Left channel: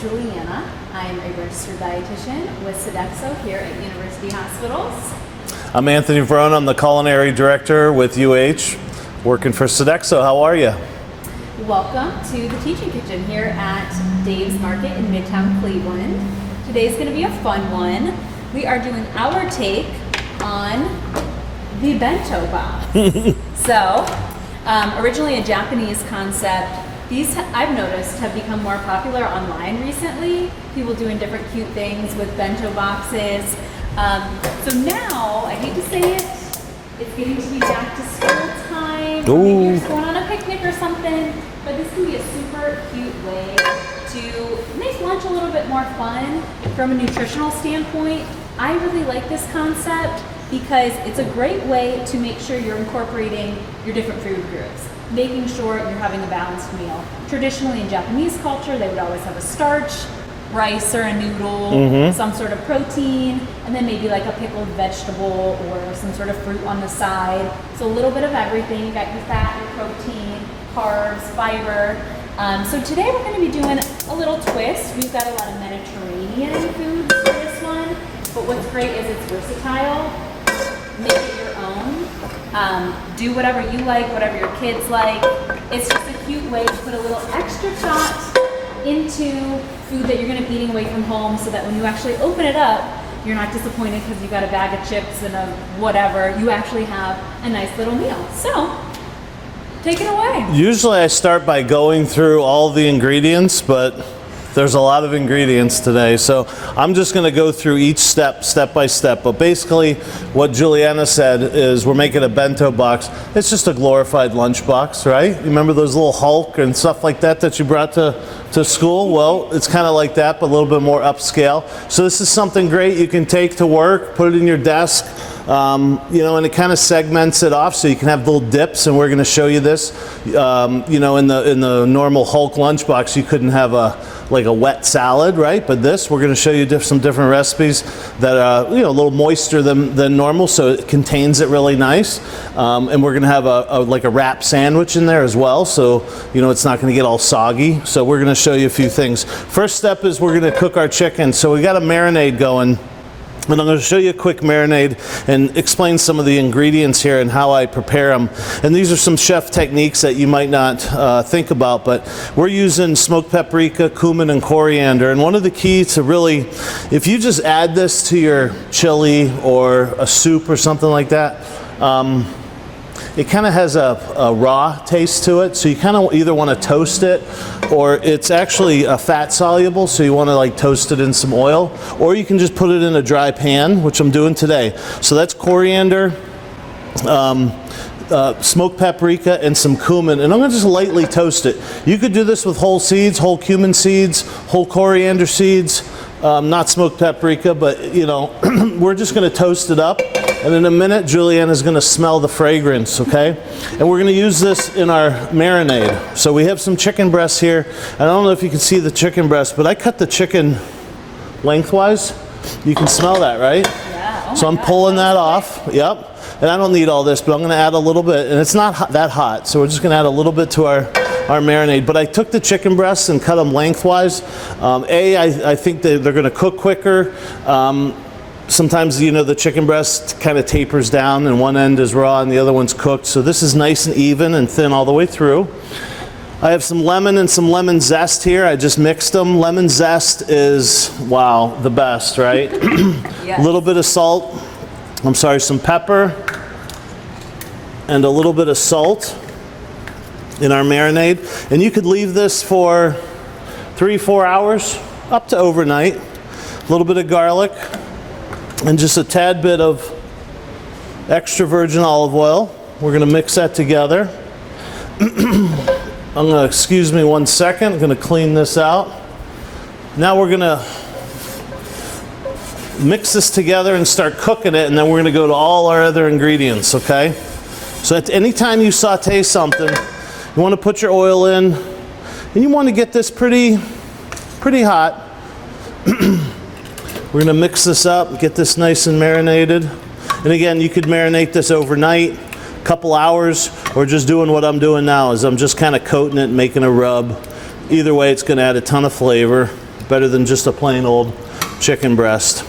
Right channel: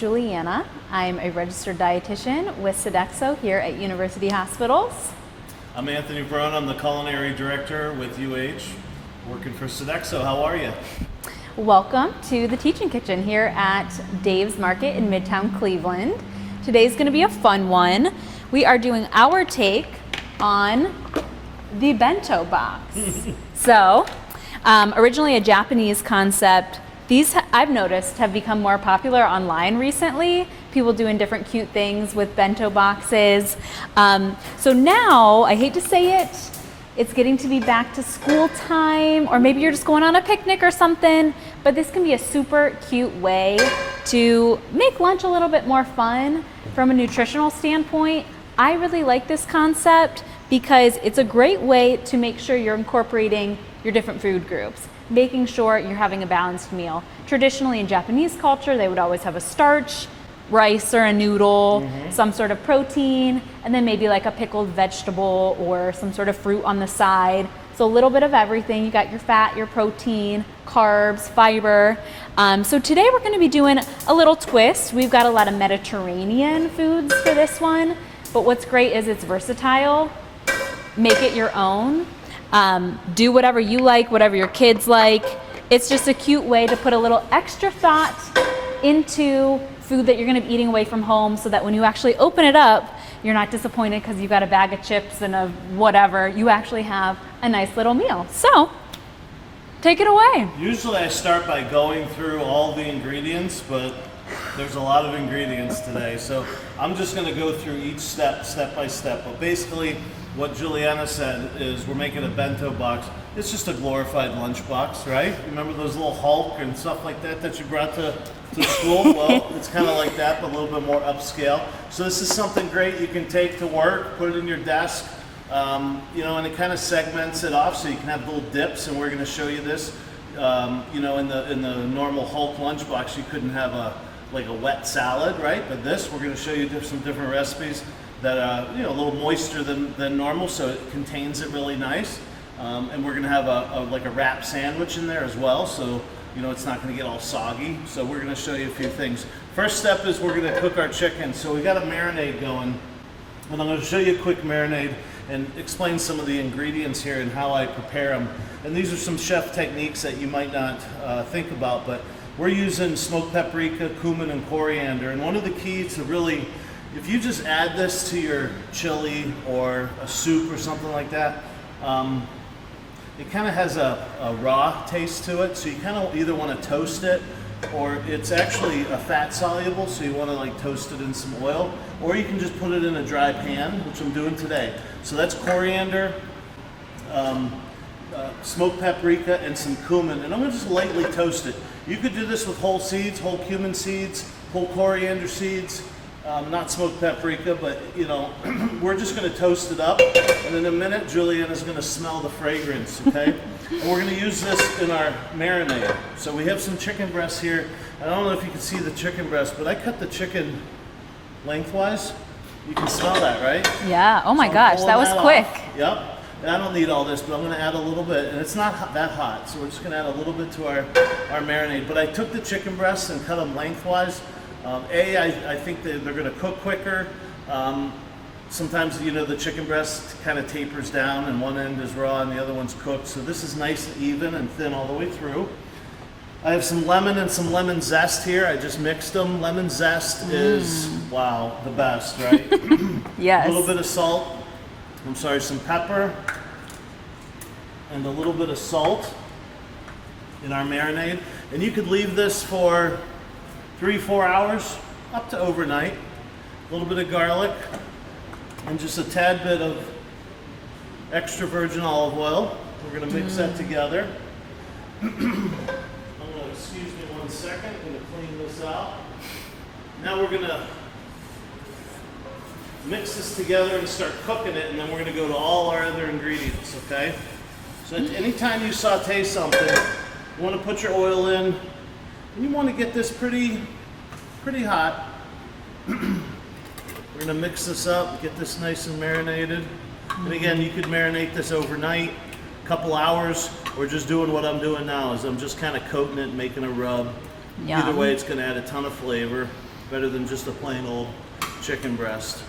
Juliana. I'm a registered dietitian with Sodexo here at University Hospitals. I'm Anthony Verona. I'm the culinary director with UH, working for Sodexo. How are you? Welcome to the Teaching Kitchen here at Dave's Market in Midtown Cleveland. Today's going to be a fun one. We are doing our take on the bento box. So, originally a Japanese concept. These, I've noticed, have become more popular online recently. People doing different cute things with bento boxes. So now, I hate to say it, it's getting to be back to school time, or maybe you're just going on a picnic or something, but this can be a super cute way to make lunch a little bit more fun from a nutritional standpoint. I really like this concept because it's a great way to make sure you're incorporating your different food groups, making sure you're having a balanced meal. Traditionally in Japanese culture, they would always have a starch, rice or a noodle, some sort of protein, and then maybe like a pickled vegetable or some sort of fruit on the side. So a little bit of everything. You got your fat, your protein, carbs, fiber. So today we're going to be doing a little twist. We've got a lot of Mediterranean foods for this one, but what's great is it's versatile. Make it your own. Do whatever you like, whatever your kids like. It's just a cute way to put a little extra thought into food that you're going to be eating away from home, so that when you actually open it up, you're not disappointed because you've got a bag of chips and a whatever. You actually have a nice little meal. So, take it away. Usually I start by going through all the ingredients, but there's a lot of ingredients today, so I'm just going to go through each step by step. But basically, what Juliana said is we're making a bento box. It's just a glorified lunch box, right? You remember those little Hulk and stuff like that you brought to school? Well, it's kind of like that, but a little bit more upscale. So this is something great you can take to work, put it in your desk, and it kind of segments it off so you can have little dips, and we're going to show you this. In the normal Hulk lunchbox, you couldn't have a wet salad, right? But this, we're going to show you some different recipes that are a little moister than normal, so it contains it really nice. And we're going to have a wrap sandwich in there as well, so it's not going to get all soggy. So we're going to show you a few things. First step is we're going to cook our chicken. So we got a marinade going. And I'm going to show you a quick marinade and explain some of the ingredients here and how I prepare them. And these are some chef techniques that you might not think about, but we're using smoked paprika, cumin, and coriander. And one of the keys to really, if you just add this to your chili or a soup or something like that, it kind of has a raw taste to it. So you kind of either want to toast it, or it's actually fat soluble, so you want to toast it in some oil, or you can just put it in a dry pan, which I'm doing today. So that's coriander, smoked paprika, and some cumin, and I'm going to just lightly toast it. You could do this with whole seeds, whole cumin seeds, whole coriander seeds, not smoked paprika, but we're just going to toast it up, and in a minute Juliana's going to smell the fragrance, okay? And we're going to use this in our marinade. So we have some chicken breasts here. I don't know if you can see the chicken breast, but I cut the chicken lengthwise. You can smell that, right? Yeah, oh my gosh, so I'm pulling that off. Quick. Yep. And I don't need all this, but I'm going to add a little bit, and it's not that hot, so we're just going to add a little bit to our marinade. But I took the chicken breasts and cut them lengthwise. I think they're going to cook quicker. Sometimes, the chicken breast kind of tapers down, and one end is raw and the other one's cooked. So this is nice and even and thin all the way through. I have some lemon and some lemon zest here. I just mixed them. Lemon zest is, wow, the best, right? Yes. A little bit of salt. Some pepper, and a little bit of salt in our marinade. And you could leave this for 3-4 hours, up to overnight. A little bit of garlic, and just a tad bit of extra virgin olive oil. We're going to mix that together. Excuse me 1 second, I'm going to clean this out. Now we're going to mix this together and start cooking it, and then we're going to go to all our other ingredients, okay? So at any time you saute something, you want to put your oil in, and you want to get this pretty hot. We're going to mix this up, get this nice and marinated. And again, you could marinate this overnight, a couple hours, or just doing what I'm doing now is I'm just kind of coating it and making a rub. Yeah. Either way, it's going to add a ton of flavor. better than just a plain old chicken breast.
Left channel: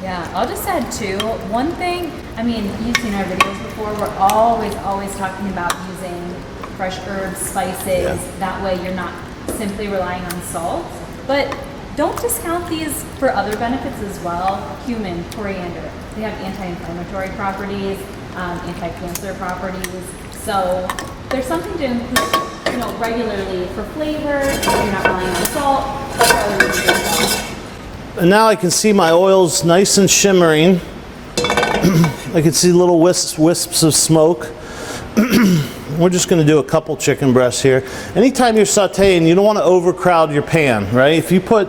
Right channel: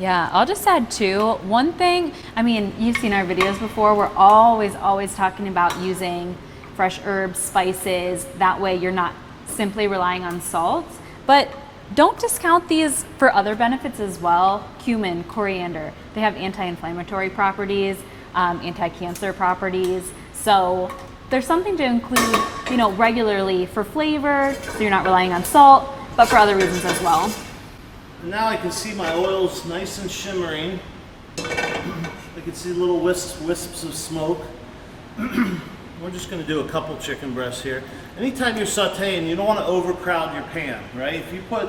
Yeah, I'll just add too, one thing, I mean, you've seen our videos before, we're always talking about using fresh herbs, spices, Yeah. that way you're not simply relying on salt. But don't discount these for other benefits as well. Cumin, coriander, they have anti-inflammatory properties, anti-cancer properties. So there's something to include, you know, regularly for flavor, so you're not relying on salt, but for other reasons as well. And now I can see my oil's nice and shimmering. I can see little wisps of smoke. We're just going to do a couple chicken breasts here. Anytime you're sauteing, you don't want to overcrowd your pan, right? If you put,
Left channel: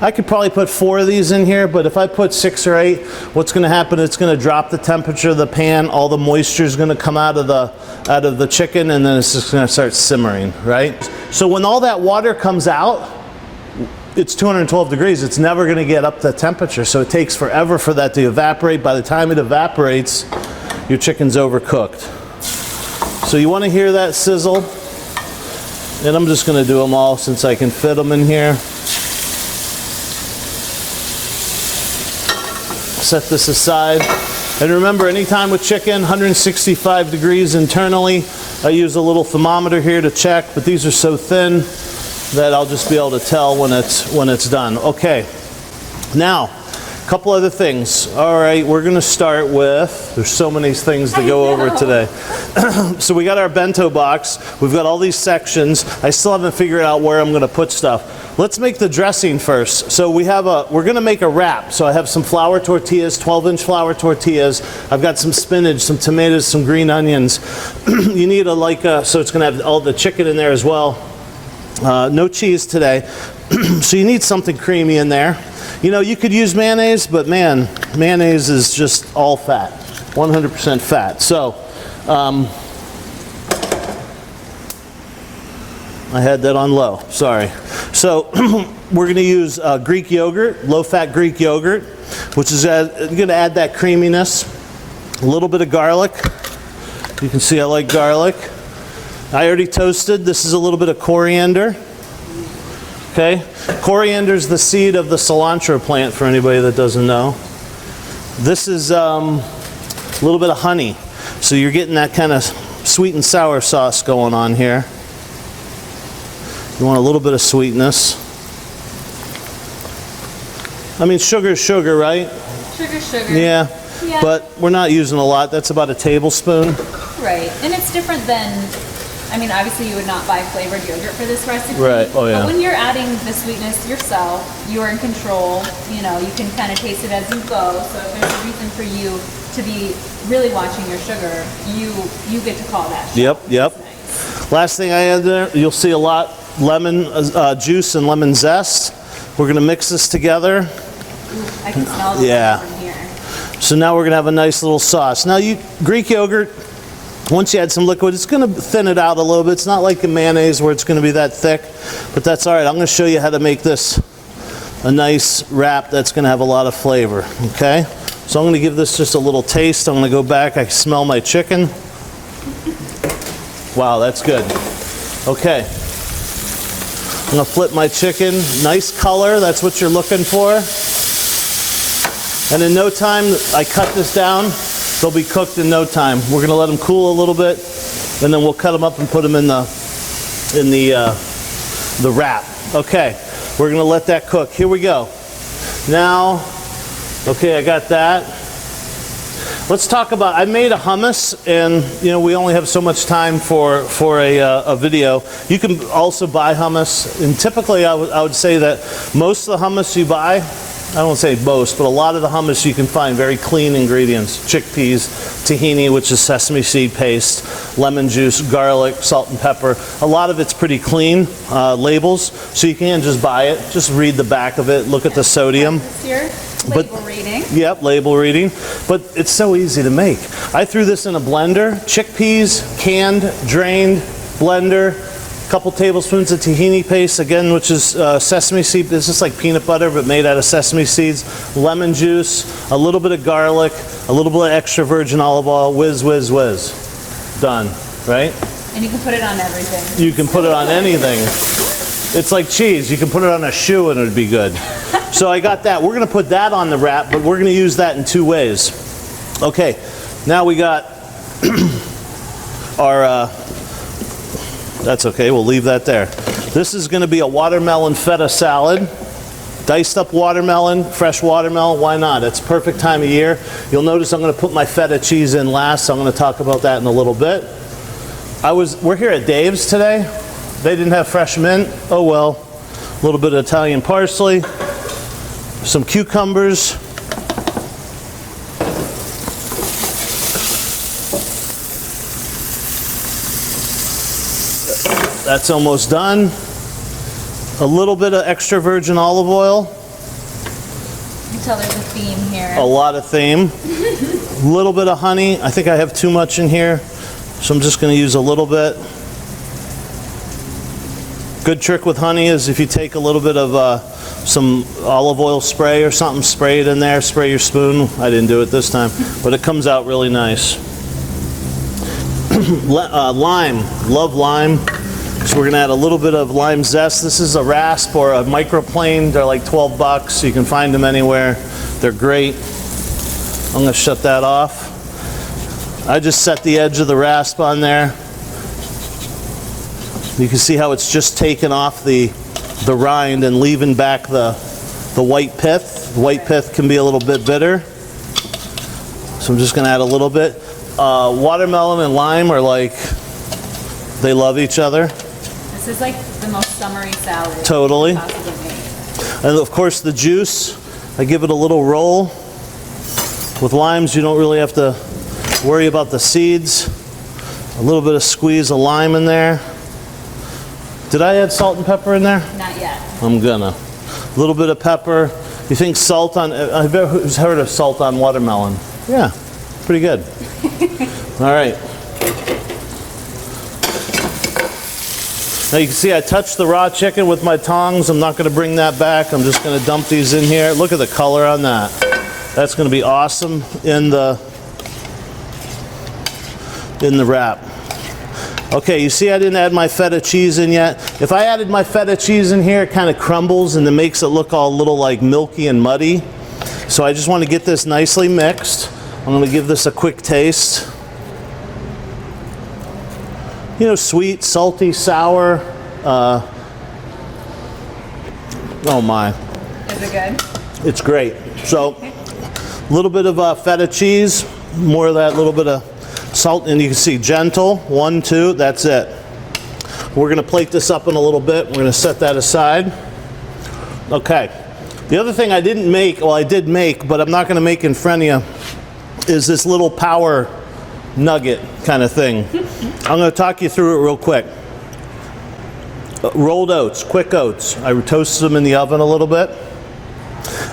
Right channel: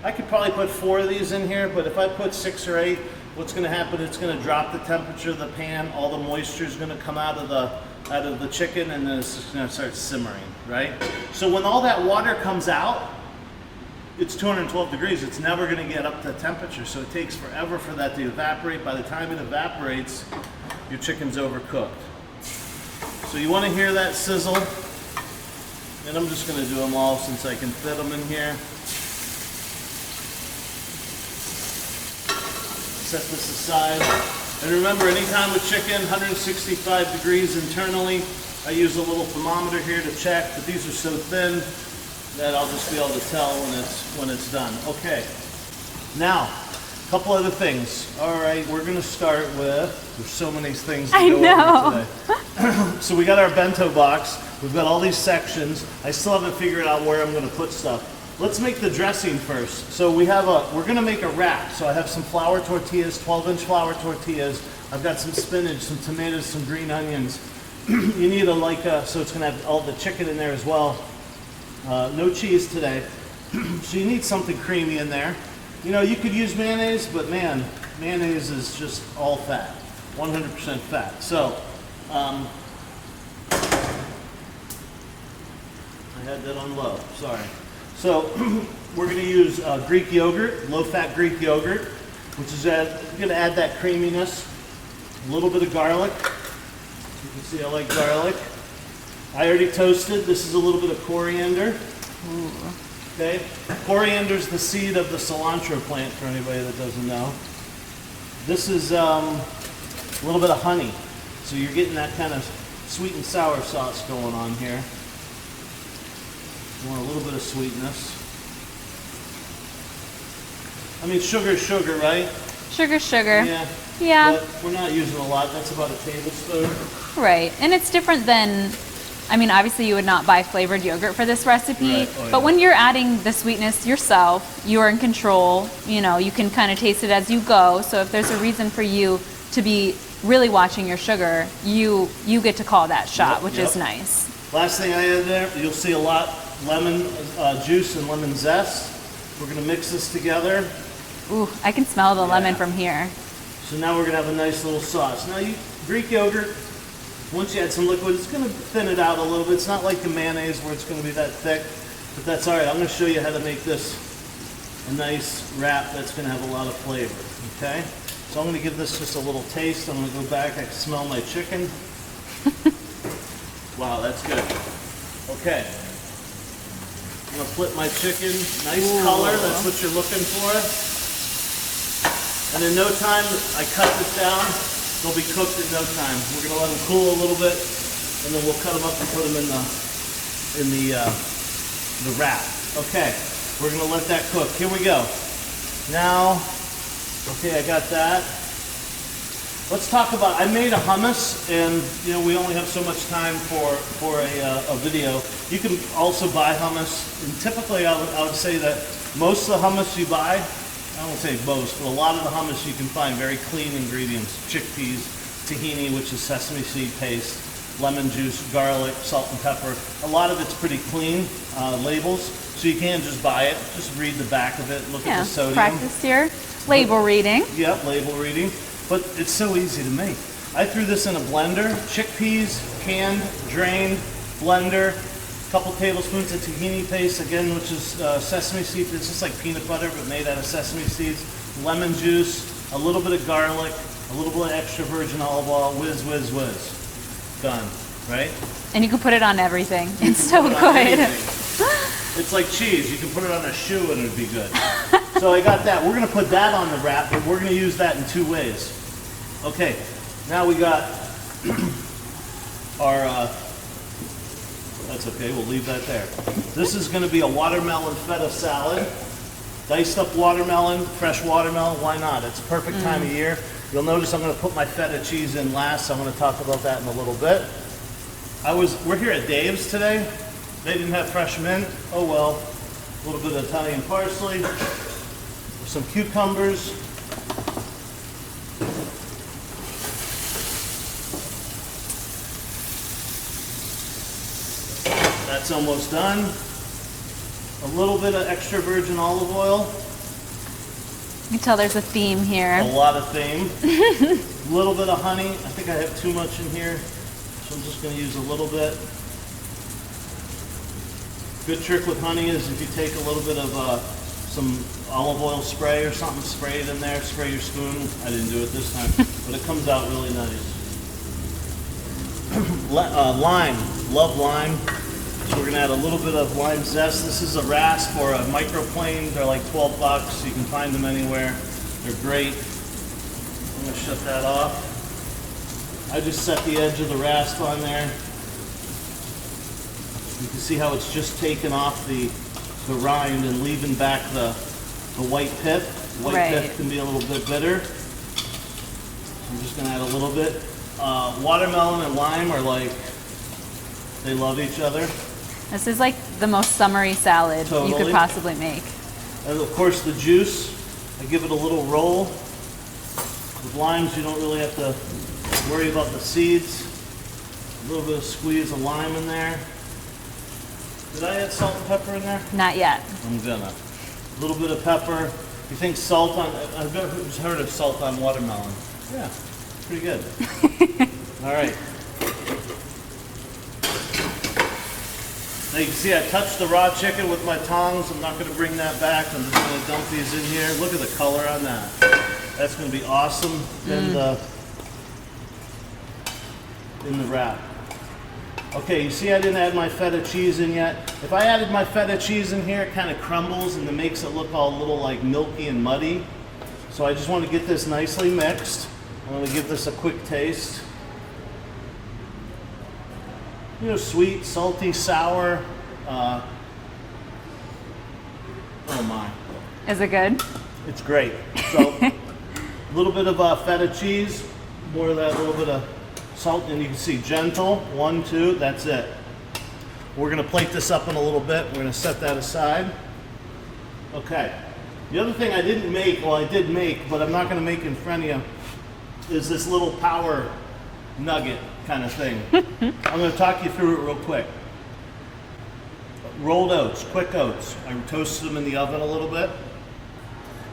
I could probably put 4 of these in here, but if I put 6 or 8, what's going to happen? It's going to drop the temperature of the pan. All the moisture is going to come out of the chicken, and then it's just going to start simmering, right? So when all that water comes out, it's 212 degrees. It's never going to get up to temperature, so it takes forever for that to evaporate. By the time it evaporates, your chicken's overcooked. So you want to hear that sizzle, and I'm just going to do them all since I can fit them in here. Set this aside. And remember, anytime with chicken, 165 degrees internally. I use a little thermometer here to check, but these are so thin that I'll just be able to tell when it's done. Okay, now, a couple other things. All right, we're gonna start with, there's so many things to go over today. So we got our bento box, we've got all these sections. I still haven't figured out where I'm gonna put stuff. Let's make the dressing first. So we're gonna make a wrap. So I have some flour tortillas, 12-inch flour tortillas. I've got some spinach, some tomatoes, some green onions. You need so it's gonna have all the chicken in there as well. No cheese today, so you need something creamy in there. You know, you could use mayonnaise, but man, mayonnaise is just all fat, 100% fat. So, I had that on low, sorry. So, we're gonna use Greek yogurt, low-fat Greek yogurt, which is gonna add that creaminess. A little bit of garlic. You can see I like garlic. I already toasted. This is a little bit of coriander. Okay, coriander is the seed of the cilantro plant for anybody that doesn't know. This is a little bit of honey. So you're getting that kind of sweet and sour sauce going on here. You want a little bit of sweetness. I mean, sugar is sugar, right? Sugar, sugar. Yeah. Yeah. But we're not using a lot. That's about a tablespoon. Right, and it's different than, I mean, obviously you would not buy flavored yogurt for this recipe. Right. Oh, yeah. But when you're adding the sweetness yourself, you are in control. You know, you can kind of taste it as you go. So if there's a reason for you to be really watching your sugar, you get to call that shot, which is nice. Last thing I add there, you'll see a lot lemon juice and lemon zest. We're gonna mix this together. Ooh, I can smell the lemon from here. So now we're gonna have a nice little sauce. Now Greek yogurt, once you add some liquid, it's gonna thin it out a little bit. It's not like the mayonnaise where it's gonna be that thick, but that's all right. I'm gonna show you how to make this a nice wrap that's gonna have a lot of flavor, okay? So I'm gonna give this just a little taste. I'm gonna go back, I smell my chicken. Wow, that's good. Okay. I'm gonna flip my chicken. Nice color, that's what you're looking for. And in no time, I cut this down. They'll be cooked in no time. We're gonna let them cool a little bit, and then we'll cut them up and put them in the wrap. Okay, we're gonna let that cook. Here we go. Now, okay, I got that. Let's talk about, I made a hummus, and you know, we only have so much time for a video. You can also buy hummus, and typically I would say that most of the hummus you buy, I don't say most, but a lot of the hummus you can find very clean ingredients. Chickpeas, tahini, which is sesame seed paste, lemon juice, garlic, salt and pepper. A lot of it's pretty clean labels, so you can just buy it. Just read the back of it, look at the sodium. Label reading. Yep, label reading. But it's so easy to make. I threw this in a blender. Chickpeas, canned, drained, blender. A couple tablespoons of tahini paste, again, which is sesame seed. It's just like peanut butter, but made out of sesame seeds. Lemon juice, a little bit of garlic, a little bit of extra virgin olive oil. Whiz, whiz, whiz. Done, right? And you can put it on everything. You can put it on anything. It's like cheese. You can put it on a shoe and it'd be good. So I got that. We're going to put that on the wrap, but we're going to use that in 2 ways. Okay, now we got our, that's okay, we'll leave that there. This is going to be a watermelon feta salad. Diced up watermelon, fresh watermelon, why not? It's perfect time of year. You'll notice I'm going to put my feta cheese in last, so I'm going to talk about that in a little bit. We're here at Dave's today. They didn't have fresh mint. Oh well. A little bit of Italian parsley, some cucumbers. That's almost done. A little bit of extra virgin olive oil. You can tell there's a theme here. A lot of theme. A little bit of honey. I think I have too much in here, so I'm just going to use a little bit. Good trick with honey is if you take a little bit of some olive oil spray or something, spray it in there, spray your spoon. I didn't do it this time, but it comes out really nice. Lime. Love lime. So we're going to add a little bit of lime zest. This is a rasp or a microplane. They're like 12 bucks. You can find them anywhere. They're great. I'm going to shut that off. I just set the edge of the rasp on there. You can see how it's just taken off the rind and leaving back the white pith. The white pith can be a little bit bitter. So I'm just going to add a little bit. Watermelon and lime are like, they love each other. This is like the most summery salad Totally. you could possibly make. And of course the juice, I give it a little roll. With limes, you don't really have to worry about the seeds. A little bit of squeeze of lime in there. Did I add salt and pepper in there? Not yet. I'm gonna. A little bit of pepper. You think salt on, I've heard of salt on watermelon. Yeah, pretty good. All right. Now you can see I touched the raw chicken with my tongs. I'm not going to bring that back. I'm just going to dump these in here. Look at the color on that. That's going to be awesome in the wrap. Okay, you see I didn't add my feta cheese in yet. If I added my feta cheese in here, it kind of crumbles and it makes it look all a little like milky and muddy. So I just want to get this nicely mixed. I'm going to give this a quick taste. You know, sweet, salty, sour. Oh my. Is it good? It's great. So, a little bit of feta cheese, more of that little bit of salt, and you can see gentle, 1, 2, that's it. We're going to plate this up in a little bit. We're going to set that aside. Okay. The other thing I didn't make, well I did make, but I'm not going to make in front of you, is this little power nugget kind of thing. I'm going to talk you through it real quick. Rolled oats, quick oats. I toasted them in the oven a little bit.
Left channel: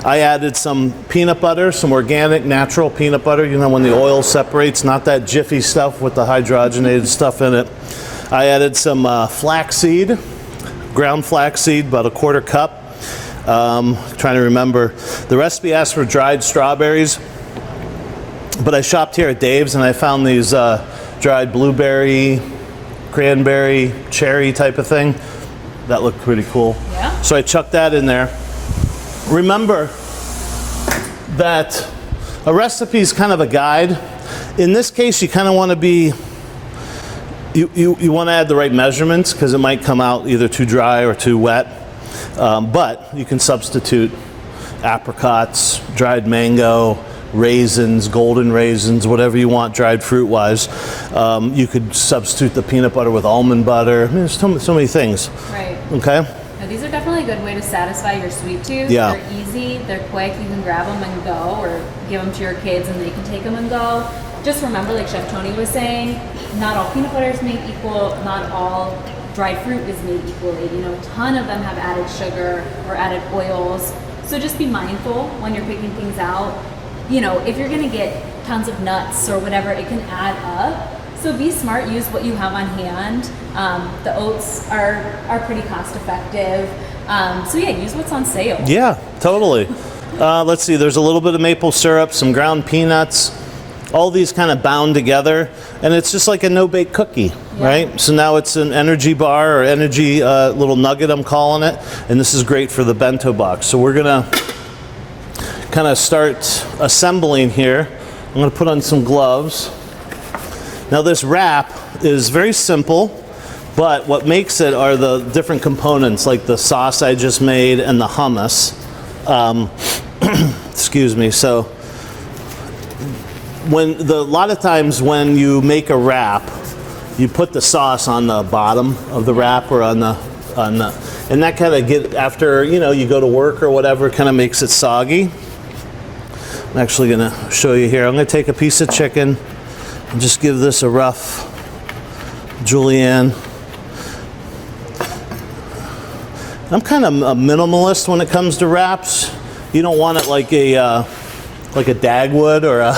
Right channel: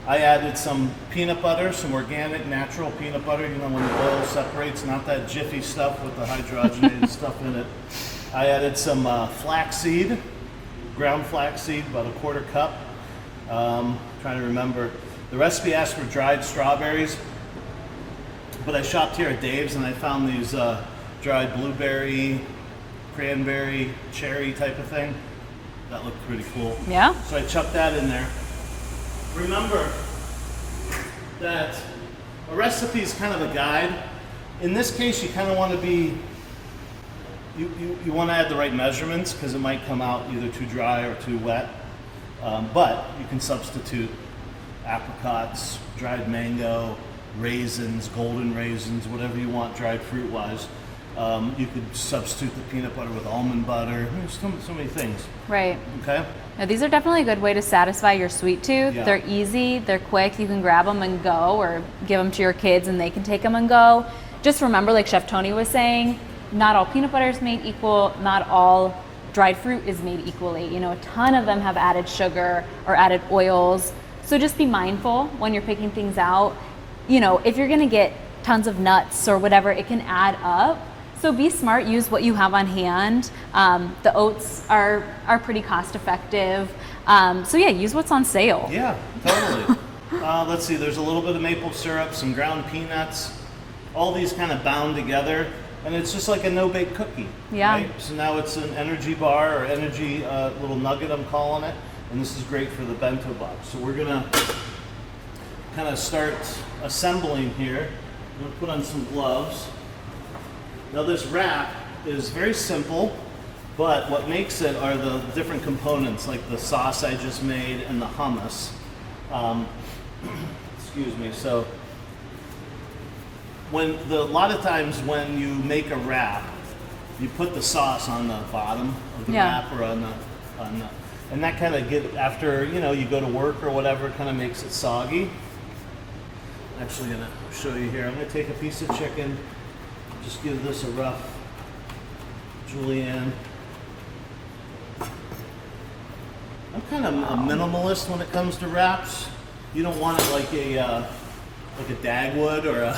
I added some peanut butter, some organic, natural peanut butter. You know, when the oil separates, not that jiffy stuff with the hydrogenated stuff in it. I added some flaxseed, ground flaxseed, about 1/4 cup. Trying to remember. The recipe asks for dried strawberries. But I shopped here at Dave's and I found these dried blueberry, cranberry, cherry type of thing. That looked pretty cool. Yeah. So I chucked that in there. Remember that a recipe is kind of a guide. In this case, you kind of want to be, you want to add the right measurements because it might come out either too dry or too wet. But you can substitute apricots, dried mango, raisins, golden raisins, whatever you want dried fruit wise. You could substitute the peanut butter with almond butter. I mean, there's so many things. Right. Okay. Now, these are definitely a good way to satisfy your sweet tooth. Yeah. They're easy, they're quick, you can grab them and go, or give them to your kids and they can take them and go. Just remember, like Chef Tony was saying, not all peanut butter is made equal, not all dried fruit is made equally. You know, a ton of them have added sugar or added oils. So just be mindful when you're picking things out. You know, if you're gonna get tons of nuts or whatever, it can add up. So be smart, use what you have on hand. The oats are pretty cost effective. So yeah, use what's on sale. Yeah, totally. Let's see, there's a little bit of maple syrup, some ground peanuts, all these kind of bound together, and it's just like a no-bake cookie, Yeah. right? So now it's an energy bar or energy little nugget, I'm calling it, and this is great for the bento box. So we're gonna kind of start assembling here. I'm gonna put on some gloves. Now this wrap is very simple, but what makes it are the different components, like the sauce I just made and the hummus. Excuse me. So a lot of times when you make a wrap, you put the sauce on the bottom of the wrap or on the, and that kind of after you go to work or whatever, kind of makes it soggy. I'm actually gonna show you here. I'm gonna take a piece of chicken and just give this a rough julienne. I'm kind of a minimalist when it comes to wraps. You don't want it like a Dagwood or a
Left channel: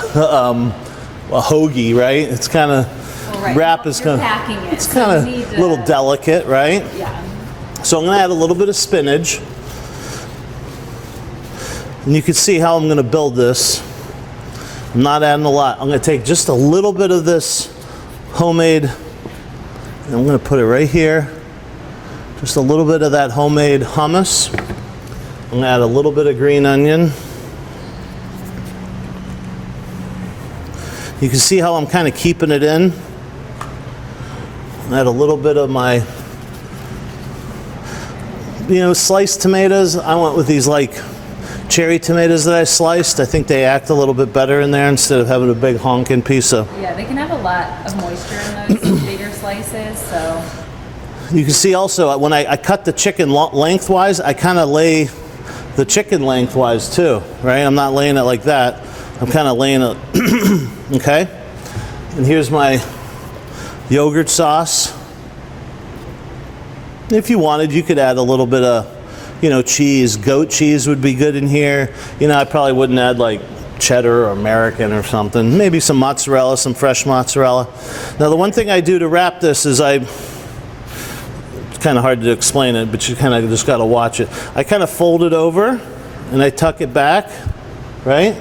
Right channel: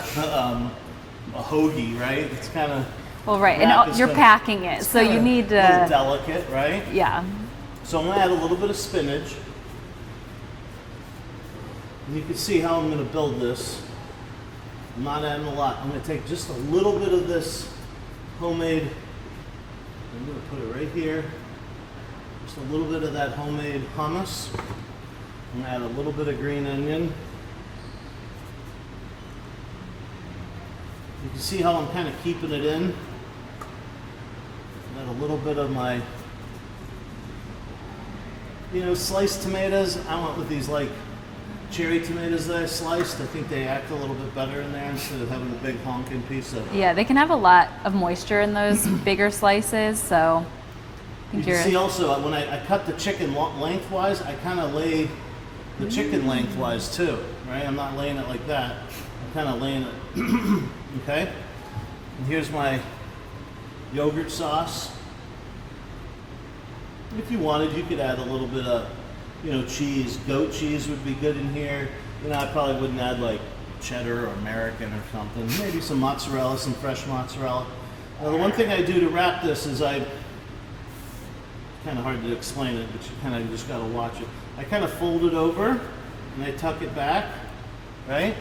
hoagie, right? It's kind of right. wrap And is you're kinda, packing it, it's so kind you of need a little delicate, right? Yeah. So I'm going to add a little bit of spinach, and you can see how I'm going to build this. I'm not adding a lot. I'm going to take just a little bit of this homemade, and I'm going to put it right here. Just a little bit of that homemade hummus. I'm going to add a little bit of green onion. You can see how I'm kind of keeping it in. Add a little bit of my, sliced tomatoes. I went with these like cherry tomatoes that I sliced. I think they act a little bit better in there instead of having a big honking piece of. Yeah, they can have a lot of moisture in those bigger slices, so. You can see also when I cut the chicken lengthwise, I kind of lay the chicken lengthwise too, right? I'm not laying it like that. I'm kind of laying it, okay? And here's my yogurt sauce. If you wanted, you could add a little bit of, cheese. Goat cheese would be good in here. I probably wouldn't add like cheddar or American or something. Maybe some mozzarella, some fresh mozzarella. Now the one thing I do to wrap this is it's kind of hard to explain it, but you kind of just got to watch it. I kind of fold it over and I tuck it back, right?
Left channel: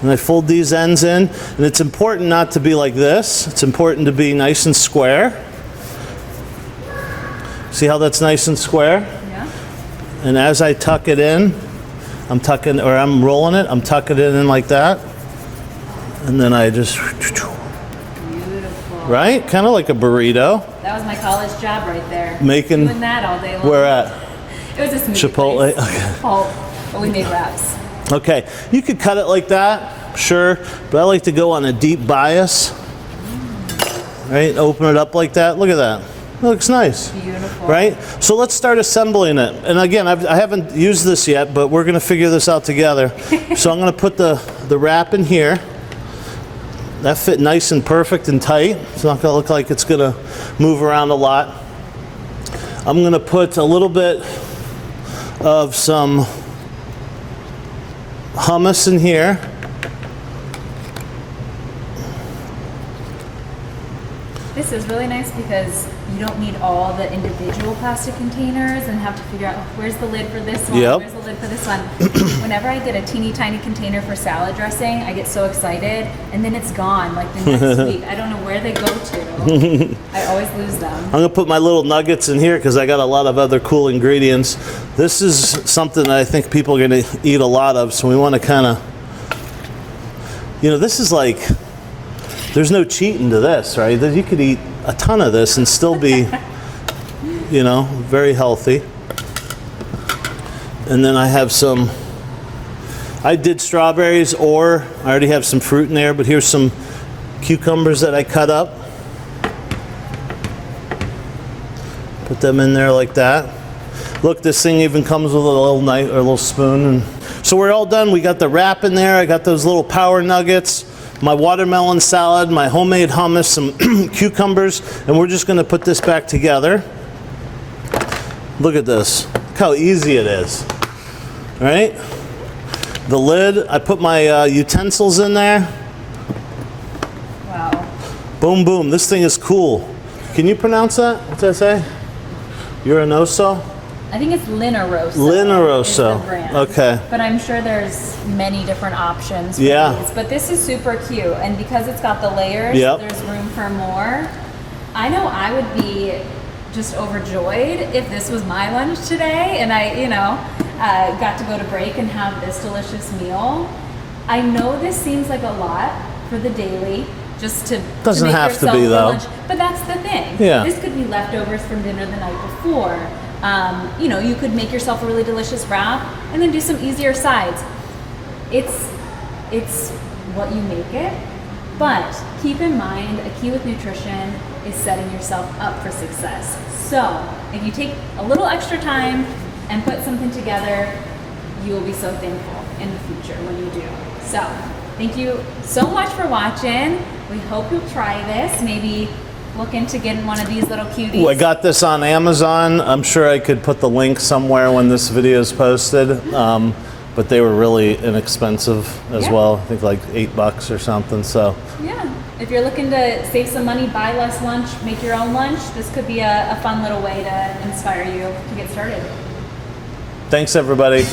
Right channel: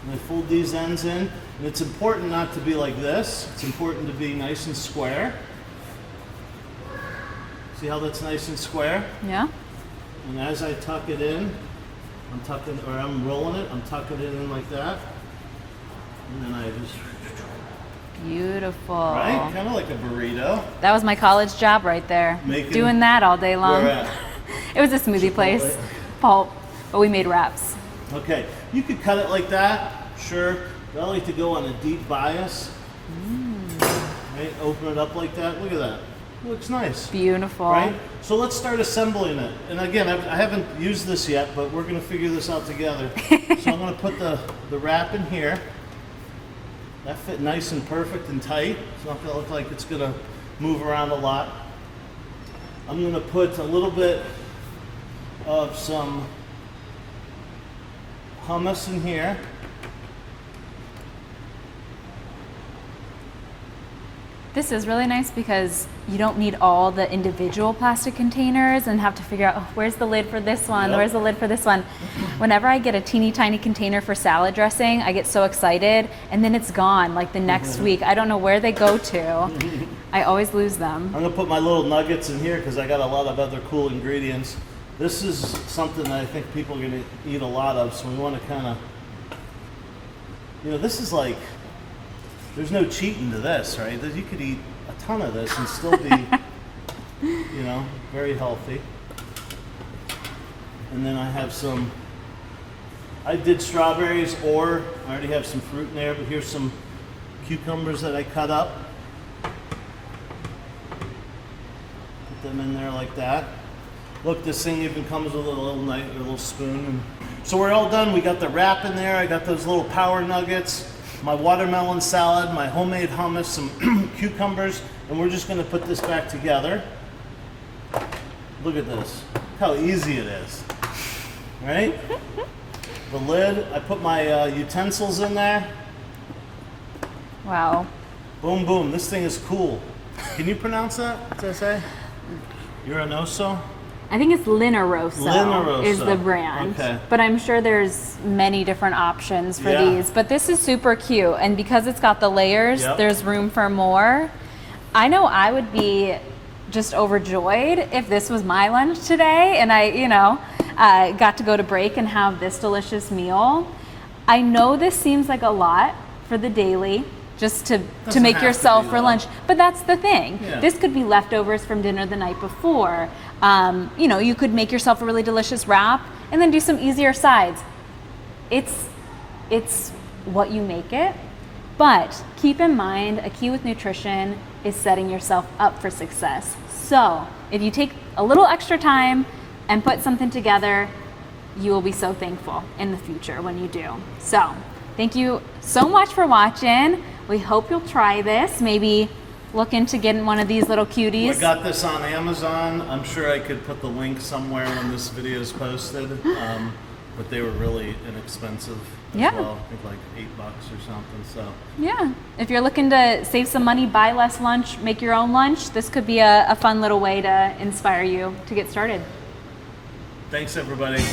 And I fold these ends in, and it's important not to be like this. It's important to be nice and square. See how that's nice and square? Yeah. And as I tuck it in, I'm rolling it, I'm tucking it in like that. And then I just, Beautiful. right? Kind of like a burrito. That was my college job right there. Making- Doing that all day long. Where at? It was a smoothie Chipotle? place. Okay. Pulp, but we made wraps. Okay, you could cut it like that, sure, but I like to go on a deep bias, right? Open it up like that. Look at that. It looks nice. Beautiful. Right? So let's start assembling it. And again, I haven't used this yet, but we're going to figure this out together. So I'm going to put the wrap in here. That fit nice and perfect and tight. It's not going to look like it's going to move around a lot. I'm going to put a little bit of some hummus in here. This is really nice because you don't need all the individual plastic containers and have to figure out where's the lid for this one, Yep. where's the lid for this one. Whenever I get a teeny tiny container for salad dressing, I get so excited and then it's gone like the next week. I don't know where they go to. I always lose them. I'm going to put my little nuggets in here because I got a lot of other cool ingredients. This is something that I think people are going to eat a lot of, so we want to kind of, this is like, there's no cheating to this, right? You could eat a ton of this and still be, very healthy. And then I have I did strawberries, or I already have some fruit in there, but here's some cucumbers that I cut up. Put them in there like that. Look, this thing even comes with a little knife or a little spoon. And so we're all done. We got the wrap in there. I got those little power nuggets, my watermelon salad, my homemade hummus, some cucumbers, and we're just going to put this back together. Look at this. Look how easy it is. Right? The lid, I put my utensils in there. Wow. Boom, boom. This thing is cool. Can you pronounce that? What's that say? Urinoso? I think it's Lineroso. Lineroso. Is the brand. Okay. But I'm sure there's many different options for Yeah. these, but this is super cute. And because it's got the layers, Yep. there's room for more. I know I would be just overjoyed if this was my lunch today and I, got to go to break and have this delicious meal. I know this seems like a lot for the daily, just to Doesn't make have to yourself be, for though. lunch. But that's the thing. Yeah. This could be leftovers from dinner the night before. You could make yourself a really delicious wrap and then do some easier sides. It's what you make it. But keep in mind, a key with nutrition is setting yourself up for success. So if you take a little extra time and put something together, you will be so thankful in the future when you do. So thank you so much for watching. We hope you'll try this. Maybe look into getting one of these little cuties. I got this on Amazon. I'm sure I could put the link somewhere when this video is posted. But they were really inexpensive as Yeah. well. I think like $8 or something. So Yeah, if you're looking to save some money, buy less lunch, make your own lunch, this could be a fun little way to inspire you to get started. thanks, everybody.